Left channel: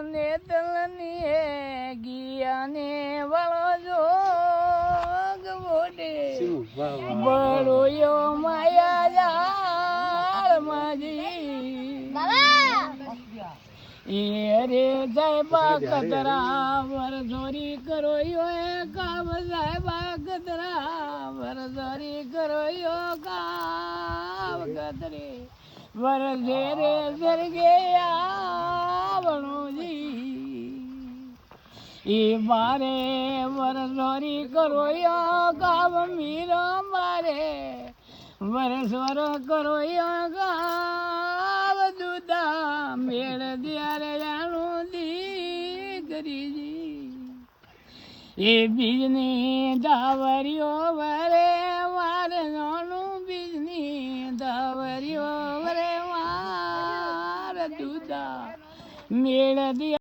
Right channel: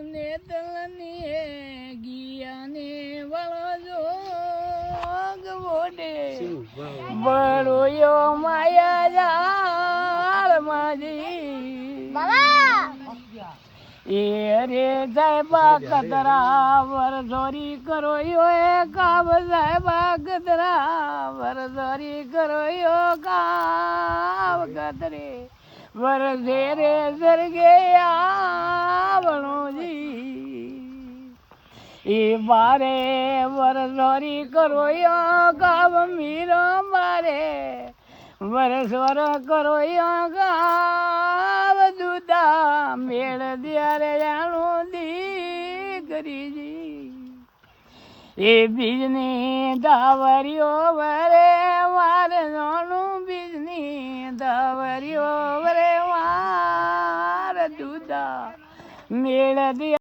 તલની હે ગિયાને વાળો જોગ મોઢે બરોયો માયા જાળ માજી એ રે સાહેબા કતરા વરસોરી કરો એ કામ સાહેબા કતરા વરસોરી કરો કામ કતરે વરસે રે સરગે આવણોજી એ મારે વરસોરી કરો કામ મીરો મારે વરસોર કરો કામ દુદા મેળ ત્યારે જાણું દીકરીજી એ બીજની ધાવરીઓ વરે મારે નાનું બીજની ધાવરીઓ વરે માર દુદા મેળ